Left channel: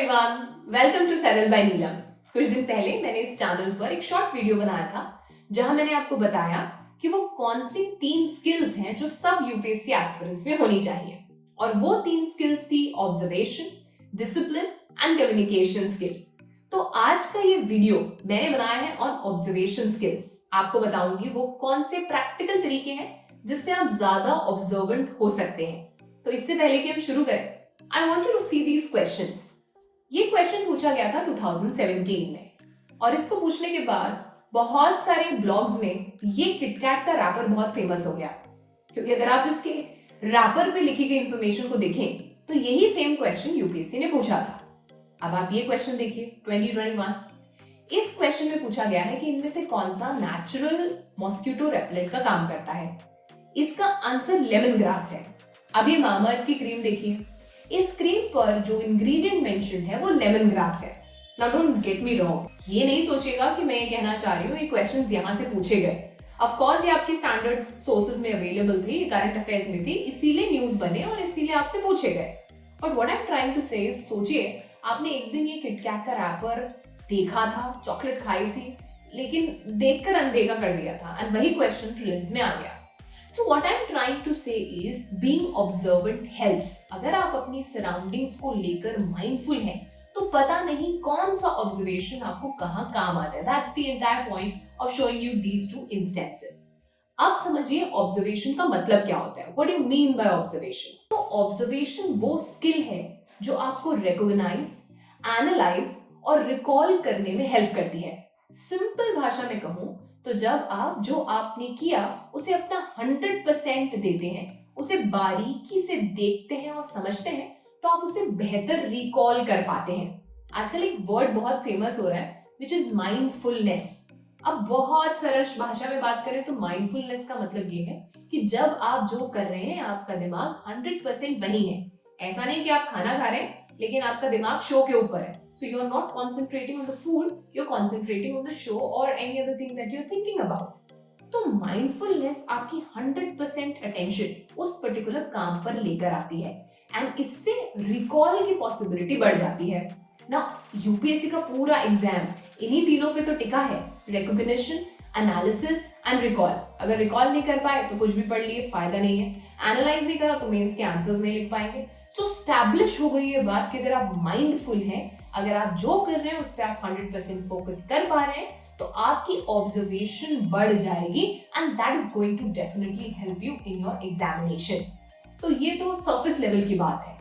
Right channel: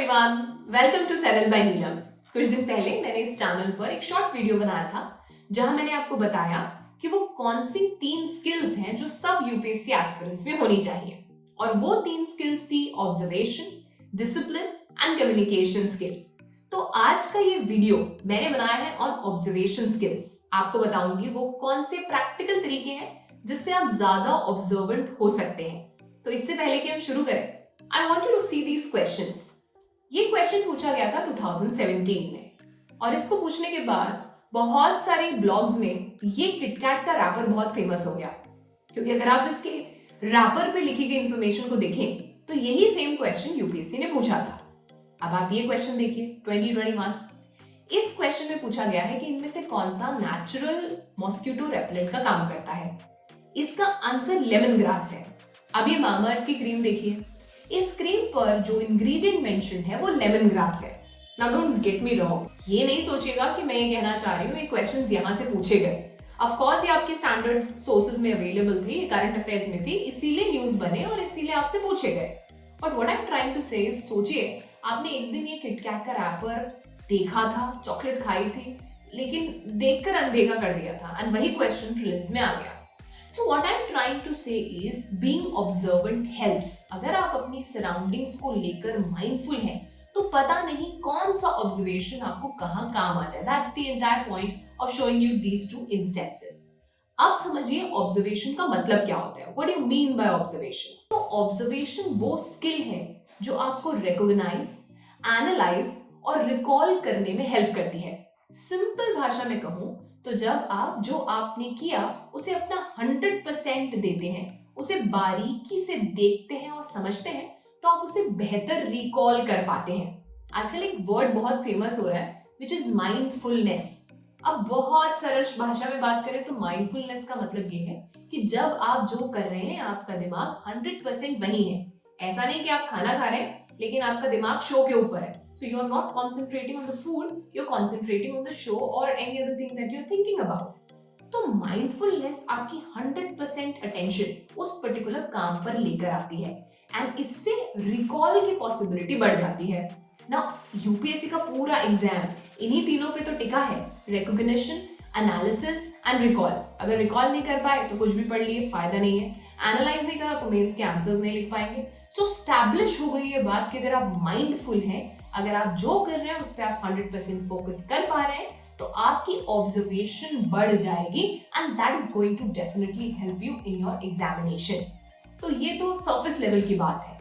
Everyone, welcome to settle by Neelam. कुछ दिन पहले मैंने इस चैनल पर एक शॉर्ट वीडियो बनाया था जहां मैंने आपको बताया कि वो कौन सी 3 स्किल्स हैं जो सब यूपीएससी एस्पिरेंट्स में होनी चाहिए। और वो 3 स्किल्स थी observation, discipline and communication skill. तो आज का ये वीडियो मैंने बनाया है ऑन ऑब्जर्वेशन स्किल्स। आपको बताऊंगी वो कौन से प्रैक्टिकल तरीके हैं जिससे आप ज्यादा ऑब्जर्वेंट हो सकते हैं। तो इससे पहले कि हम शुरू करें, I want you to see these questions. ये क्वेश्चन पूछा गया था 2017 में और इसको पूछने के बाद बहुत सारे ब्लॉग्स में ये किटकैट का रैपर बहुत फेमस हो गया, क्योंकि अगर आप इसके रैपर पे लिखी गई इंफॉर्मेशन को देखें तो यही सेम क्वेश्चन यूपीएससी ने पूछा था। अब आप ये क्वेश्चन देखिए 2021। इस क्वेश्चन में पूछा गया है कि इनमें से कौन सा नेचुरल मॉस्किटो रेपेलेंट का काम करता है। इसका आंसर लेमन ग्रास है। अब ये मामाअर्थ की क्रीम देखिए, इस क्रीम पर जो इंग्रेडिएंट मेंशन्ड है वो लेमन ग्रास है। Now don't get me wrong, ये नहीं सोचिएगा कि मैं ये कहना चाह रही हूँ ये क्वेश्चंस यहाँ से पूछे गए। ऑफ कोर्स ये आपके स्टैंडर्ड सोर्सेज में अवेलेबल थे, करंट अफेयर्स में थी, इसीलिए न्यूज बने और इसीलिए आपसे पूछे गए। But what I am trying to say, सोचिए आपने एक दिन ये किटकैट का रैपर देखा था, चॉकलेट खाई थी, लेकिन देखकर अनदेखा कर दिया था एंड वही क्वेश्चन प्रीलिम्स में आ गया। So what I'm trying to say is being observant helps। अगर आप अपनी सराउंडिंग्स को लेकर माइंडफुल हैं तो पता नहीं कौन सा ऑब्जर्वेशन आपको कहाँ काम आ जाए। That's the entire point of showing you these two instances। अब समझिए ऑब्जर्वेशन का मतलब क्या होता है। What do you mean by observation? तो ऑब्जर्वेशन वो स्किल है जो आपको रिकॉग्नाइज, एनालाइज और रिकॉल करने में हेल्प करती है। सिंपल भाषा में कहूं तो जब आप जो आपने किया उसे अपना 100% देते हैं, उसे बारीकी से देखते हैं और समझते हैं, तो आप उसे बेहतर रिकॉल कर पाते हैं। आजकल एक वर्ड बहुत फेमस हो रहा है विच इज माइंडफुलनेस। अब बहुत सरल भाषा में बात करें तो माइंडफुलनेस का मतलब ये है कि जब आप जो कर रहे हैं आपका दिमाग 100% वही है। ऐसा नहीं कि आप खाना खा रहे हैं लेकिन आपका दिमाग शो के ऊपर है। So you're not concentrating on the food, you're concentrating on the show or any other thing that you're thinking about। तो mindfulness आपकी 100% attention उस पर्टिकुलर काम पर लेकर आती है एंड इससे रिकॉल की पॉसिबिलिटी बढ़ जाती है ना। यूपीएससी का पूरा एग्जाम इन्हीं तीनों पे तो टिका है, रिकॉग्निशन, एनालिसिस एंड रिकॉल। अगर रिकॉल नहीं कर पाए तो कुछ भी पढ़ लिए फायदा नहीं है, एनालाइज नहीं करा तो मेंस के आंसर्स नहीं लिख पाएंगे। सो स्टैब्लिश हो गई ये बात कि अगर आप माइंडफुल हैं, अगर आप जो कर रहे हैं उस पर आप 100% फोकस कर पा रहे हैं तो आपकी ऑब्जर्वेशन बढ़ जाएगी and that is going to definitely help you in your examination. तो ये तो सरफेस लेवल की बात है।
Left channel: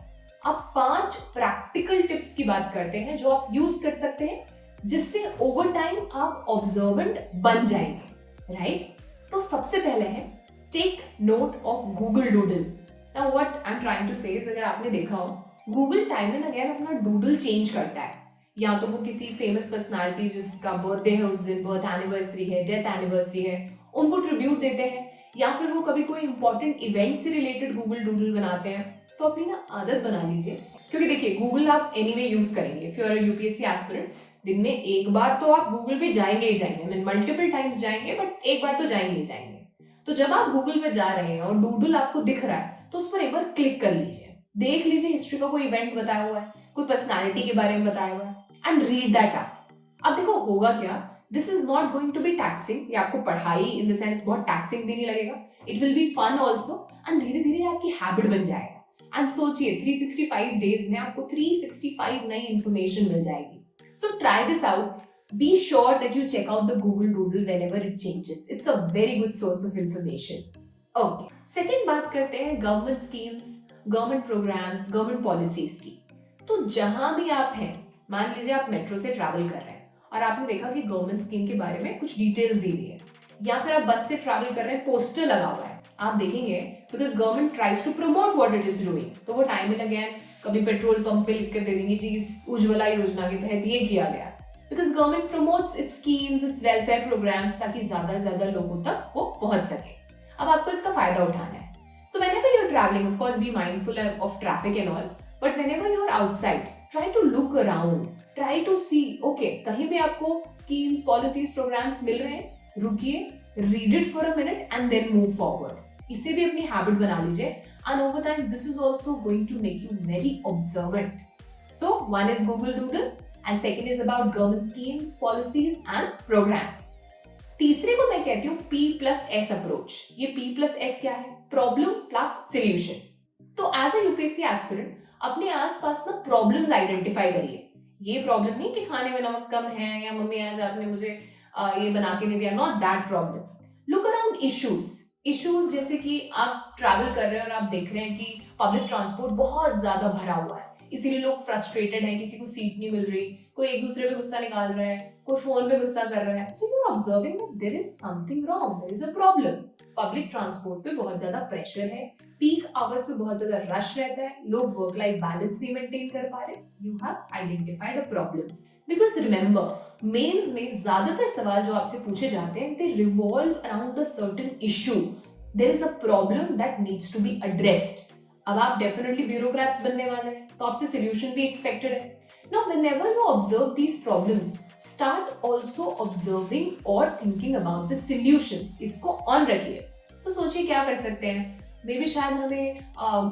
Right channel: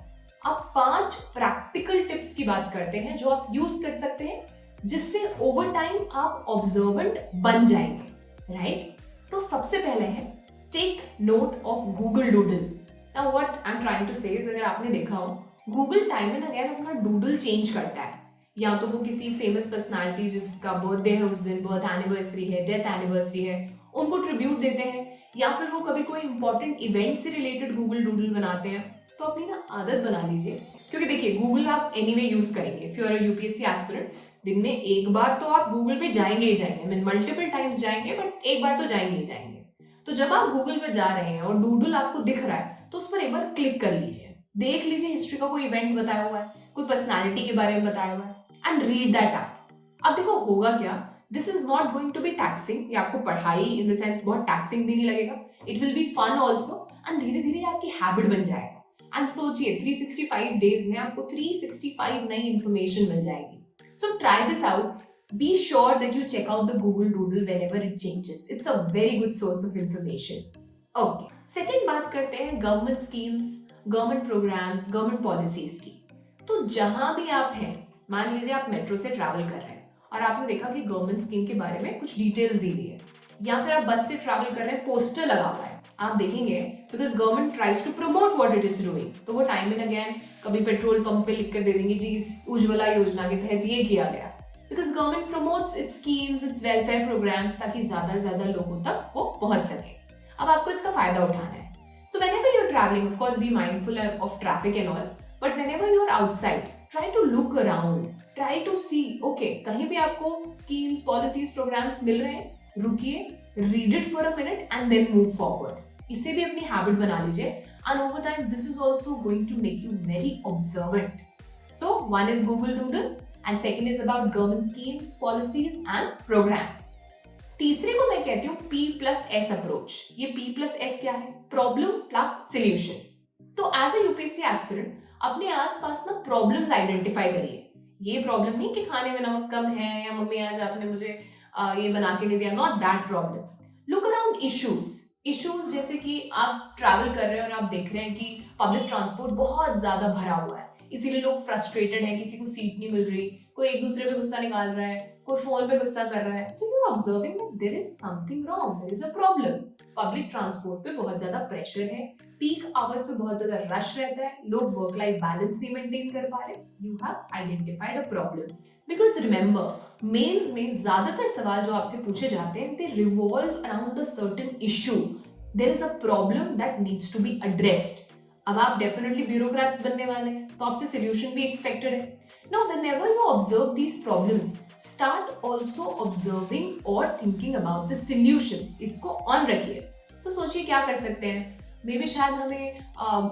अब 5 प्रैक्टिकल टिप्स की बात करते हैं जो आप यूज कर सकते हैं जिससे ओवर टाइम आप ऑब्जर्वेंट बन जाएंगे, राइट? तो सबसे पहले है take note of Google doodle. Now what I am trying to say is, अगर आपने देखा हो गूगल टाइम एंड अगेन अपना डूडल चेंज करता है। या तो वो किसी फेमस पर्सनालिटी जिसका बर्थडे है उस दिन, बर्थ एनिवर्सरी है, डेथ एनिवर्सरी है, उनको ट्रिब्यूट देते हैं, या फिर वो कभी कोई इंपॉर्टेंट इवेंट से रिलेटेड गूगल डूडल बनाते हैं। तो अपनी ना आदत बना लीजिए, क्योंकि देखिए गूगल आप एनीवे यूज करेंगे। If you are a UPSC aspirant, दिन में एक बार तो आप गूगल पे जाएंगे ही जाएंगे, मीन मल्टीपल टाइम्स जाएंगे बट एक बार तो जाएंगे ही जाएंगे। तो जब आप गूगल पे जा रहे हैं और डूडल आपको दिख रहा है तो उस पर एक बार क्लिक कर लीजिए, देख लीजिए हिस्ट्री का कोई इवेंट बताया हुआ है, कोई पर्सनालिटी के बारे में बताया हुआ है एंड रीड दैट अप। अब देखो होगा क्या, this is not going to be taxing, ये आपको पढ़ाई इन द सेंस बहुत टैक्सिंग भी नहीं लगेगा, it will be fun also and धीरे धीरे आपकी हैबिट बन जाएगा। एंड सोचिए 365 डेज में आपको 365 नई इंफॉर्मेशन मिल जाएगी। So try this out. Be sure that you check out the Google Doodle whenever it changes. It's a very good source of information. Okay. Second बात करते हैं government schemes, government programmes, government policies की। तो जहां भी आप हैं, मान लीजिए आप मेट्रो से ट्रैवल कर रहे हैं और आपने देखा कि गवर्नमेंट स्कीम के बारे में कुछ डिटेल्स दी हुई है, या फिर आप बस से ट्रैवल कर रहे हैं, पोस्टर लगा हुआ है, आप देखेंगे because government tries to promote what it is doing, तो वो टाइम एंड अगेन कभी पेट्रोल पंप पे लिख कर दे देंगे जी इस उज्ज्वला योजना के तहत ये किया गया, because government promotes its schemes, its welfare programmes, ताकि ज्यादा से ज्यादा लोगों तक वो पहुंच सके। अब आपको इसका फायदा उठाना है। So whenever you're traveling, of course, be mindful of traffic and all. But whenever you're outside, try to look around. Try to see, okay, कहीं भी आपको schemes, policies, programs मिल रहे हैं, रुकिए, read it for a minute and then move forward. इसे भी अपनी habit बना लीजिए. And over time, this is also going to make you very observant. So one is Google Doodle and second is about government schemes, policies and programs. तीसरे को मैं कहती हूँ P+S अप्रोच। ये P+S क्या है? Problem plus solution. तो as a UPSC aspirant अपने आसपास ना प्रॉब्लम्स आइडेंटिफाई करिए। ये प्रॉब्लम नहीं कि खाने में नमक कम है या मम्मी आज आपने मुझे ये बना के नहीं दिया, not that problem. Look around issues जैसे कि आप ट्रैवल कर रहे हैं और आप देख रहे हैं कि पब्लिक ट्रांसपोर्ट बहुत ज्यादा भरा हुआ है, इसीलिए लोग फ्रस्ट्रेटेड हैं, किसी को सीट नहीं मिल रही, कोई एक दूसरे पे गुस्सा निकाल रहा है, कोई फोन पे गुस्सा कर रहा है। So you are observing that there is something wrong, there is a problem. Public transport पे बहुत ज्यादा प्रेशर है, पीक आवर्स पे बहुत ज्यादा रश रहता है, लोग वर्क लाइफ बैलेंस नहीं मेंटेन कर पा रहे। You have identified a problem. Because remember mains में ज्यादातर सवाल जो आपसे पूछे जाते हैं they revolve around a certain issue, there is a problem that needs to be addressed. अब आप डेफिनेटली ब्यूरोक्रेट्स बनने वाले हैं तो आपसे सोल्यूशन भी एक्सपेक्टेड है। Now whenever you observe these problems start also observing और थिंकिंग अबाउट द सॉल्यूशंस। इसको ऑन रखिए। तो सोचिए क्या कर सकते हैं। मे बी शायद हमें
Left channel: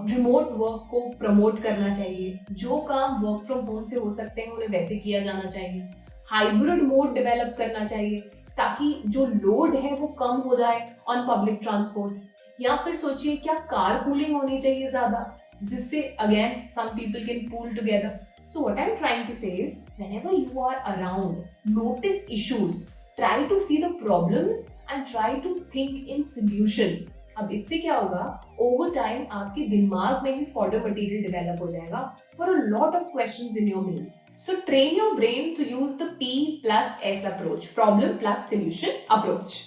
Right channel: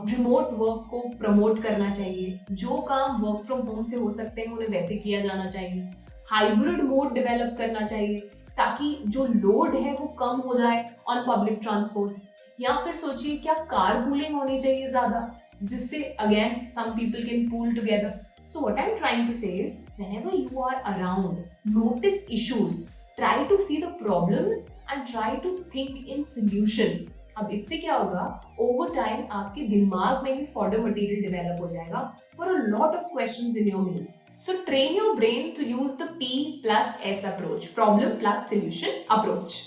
रिमोट वर्क को प्रमोट करना चाहिए, जो काम वर्क फ्रॉम होम से हो सकते हैं उन्हें वैसे किया जाना चाहिए। हाइब्रिड मोड डेवलप करना चाहिए ताकि जो लोड है वो कम हो जाए ऑन पब्लिक ट्रांसपोर्ट। या फिर सोचिए क्या कार पूलिंग होनी चाहिए ज्यादा, जिससे again some people can pool together. So what I am trying to say is whenever you are around notice issues, try to see the problems and try to think in solutions. अब इससे क्या होगा, over time आपके दिमाग में ही fodder material develop हो जाएगा for a lot of questions in your mains. So train your brain to use the P+S approach, problem plus solution approach.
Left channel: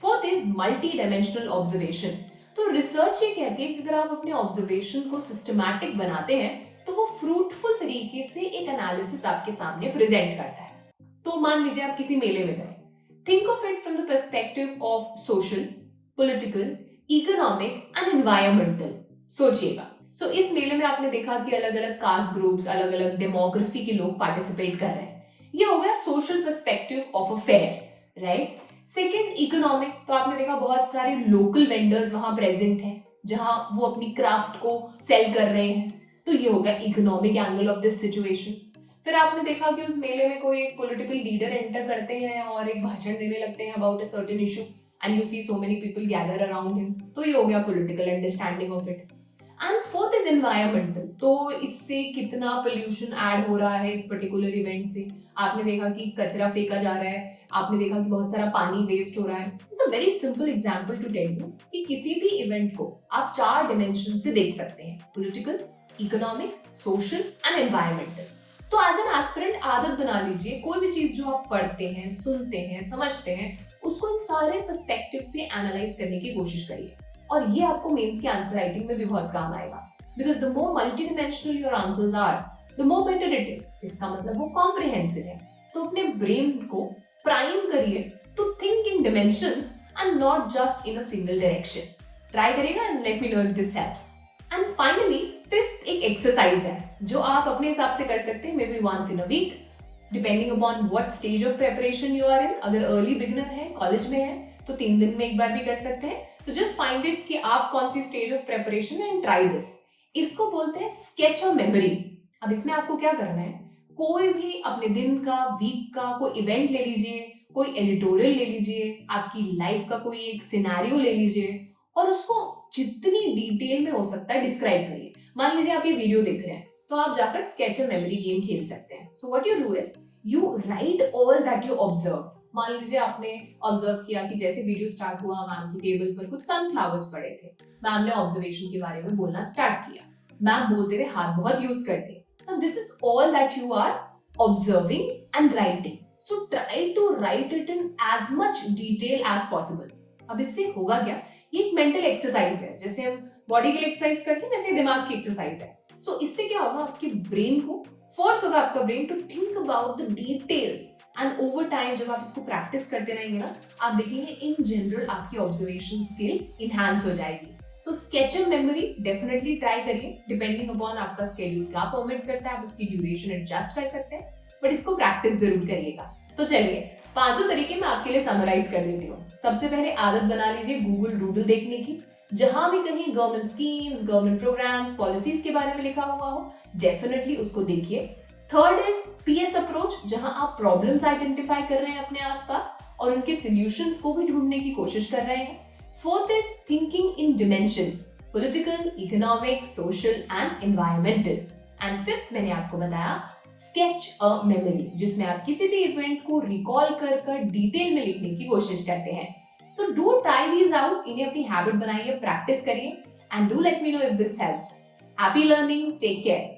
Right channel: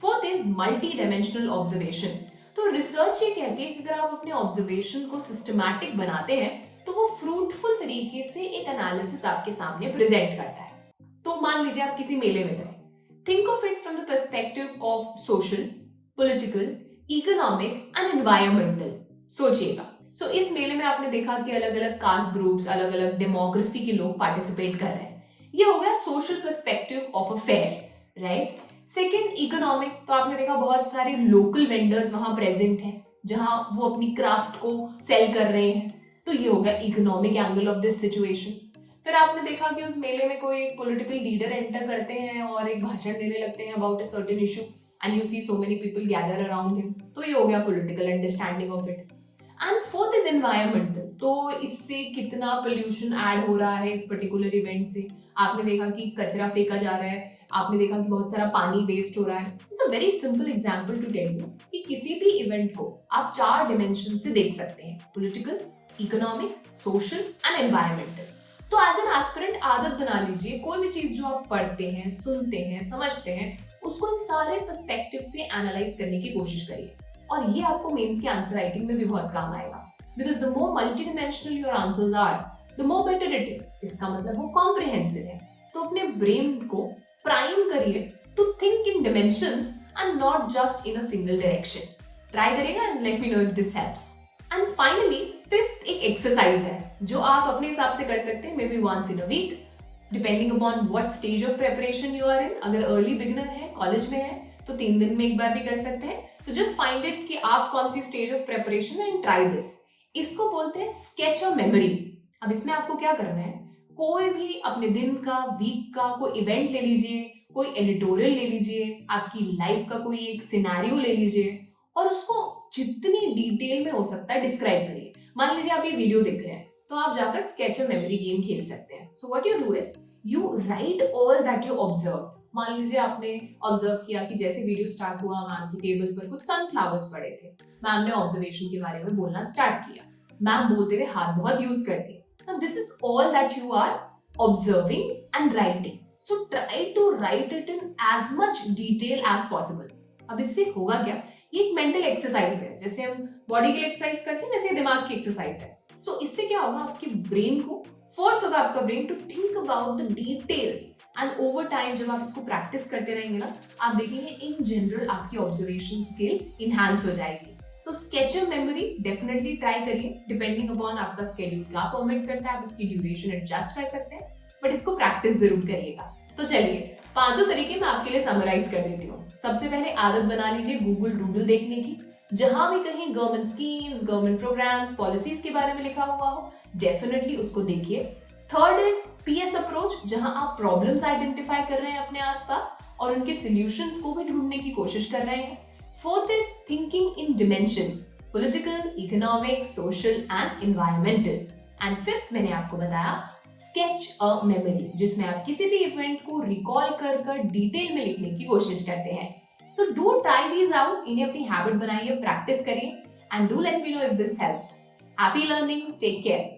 Fourth is multi dimensional observation. तो research ये कहती है कि अगर आप अपने ऑब्जर्वेशन को सिस्टमैटिक बनाते हैं तो वो फ्रूटफुल तरीके से एक एनालिसिस आपके सामने प्रेजेंट करता है। तो मान लीजिए आप किसी मेले में गए, think of it from the perspective of social, political, economic and environmental. सोचिएगा। सो इस मेले में आपने देखा कि अलग अलग कास्ट ग्रुप्स, अलग अलग डेमोग्राफी के लोग पार्टिसिपेट कर रहे हैं। ये हो गया social perspective of a fair, right. Second economic, तो आपने देखा बहुत सारे लोकल वेंडर्स वहां प्रेजेंट हैं जहां वो अपनी क्राफ्ट को सेल कर रहे हैं, तो ये हो गया economic angle of this situation. फिर आपने देखा कि उस मेले में कोई एक पॉलिटिकल लीडर एंटर करते हैं और एक भाषण देने लगते हैं about a certain issue and you see so many people gather around him, तो ये हो गया political understanding of it. And fourth is environmental, तो इससे कितना पोल्यूशन ऐड हो रहा है इस पर्टिकुलर इवेंट से। आपने देखा कि कचरा फेंका जा रहा है, आपने देखा कि बहुत सारा पानी वेस्ट हो रहा है। It's a very simple example to tell you कि किसी भी इवेंट को आप 4 डिमेंशन से देख सकते हैं, political, economic, social and environmental. तो एज एन एस्पिरेंट आदत बना लीजिए, कोई भी चीज जो आप पढ़ते हैं, सुनते हैं, समझते हैं, उसको इन सारे पर्सपेक्टिव से एनालाइज करने की कोशिश करिए और ये आपको मेंस के आंसर राइटिंग में भी बहुत काम आएगा। Because the more multi dimensional your answers are, the more better it is. इसका मतलब वो कॉम्प्रिहेंसिव है। तो अपने ब्रेन को प्राइम करिए to think in dimensions and not just in a single direction. Try करिएगा and let me know if this helps. And finally fifth एक एक्सरसाइज है जो आप अपने हिसाब से कर सकते हैं, maybe once in a week, depending upon what stage of preparation you are in. अगर अर्ली बिगिनर है, कॉलेज में है, तो 3 दिन में एक बार भी कर सकते हैं। सो जस्ट फाइंड इट कि आप कौन सी stage of preparation and try this. इसको बोलते हैं स्केच ऑफ मेमोरी। अब इसमें आपको क्या करना है, कोई भी अपने दिन का, वीक का कोई इवेंट ले लीजिए, कोई एडिटोरियल ले लीजिए, आपकी लाइफ का कोई एक सिनेरियो ले लीजिए और उसको जितनी डिटेल में हो सकता है डिस्क्राइब करिए। मान लीजिए आप ये वीडियो देख रहे हैं तो आप जाकर स्केच ऑफ मेमोरी गेम खेल सकते हैं। So what you do is you right all that you observe. मान लीजिए आपने ऑब्जर्व किया कि जैसे वीडियो स्टार्ट हुआ, मैम की टेबल पर कुछ सनफ्लावर्स पड़े थे, मैम ने ऑब्जर्वेशन के बारे में बोलना स्टार्ट किया, मैम बोलते हुए हाथ बहुत यूज करती है। Now this is all that you are observing and writing. So try to write it in as much detail as possible. अब इससे होगा क्या, ये एक मेंटल एक्सरसाइज है, जैसे हम बॉडी के लिए एक्सरसाइज करते हैं वैसे दिमाग की एक्सरसाइज है। सो इससे क्या होगा, आपके ब्रेन को फोर्स होगा, आपका brain to think about the details and over time जब आप इसको प्रैक्टिस करते रहेंगे ना, आप देखेंगे इन जनरल आपकी ऑब्जर्वेशन स्किल इनहांस हो जाएगी। तो sketch of memory definitely try करिए, डिपेंडिंग अपॉन आपका स्केड्यूल क्या परमिट करता है, आप इसकी ड्यूरेशन एडजस्ट कर सकते हैं, बट इसको प्रैक्टिस जरूर करिएगा। तो चलिए 5 तरीके मैं आपके लिए समराइज कर देती हूँ। सबसे पहले आदत बना लीजिए गूगल डूडल देखने की। जहां भी कहीं government schemes, government programmes, policies के बारे में लिखा हुआ हो, डेफिनेटली उसको देखिए। थर्ड इज पीएस अप्रोच, जहां आप प्रॉब्लम्स आइडेंटिफाई कर रहे हैं अपने आसपास और उनके सॉल्यूशंस को भी ढूंढने की कोशिश कर रहे हैं। Fourth is thinking in dimensions, political, economic, social and environmental. And fifth मैंने आपको बताया स्केच अ मेमोरी, जिसमें आप किसी भी इवेंट को रिकॉल कर डिटेल में लिखने की कोशिश करते हैं। So do try these out, इन्हें अपनी हैबिट बनाइए, प्रैक्टिस करिए and do let me know if this helps. Happy learning, take care.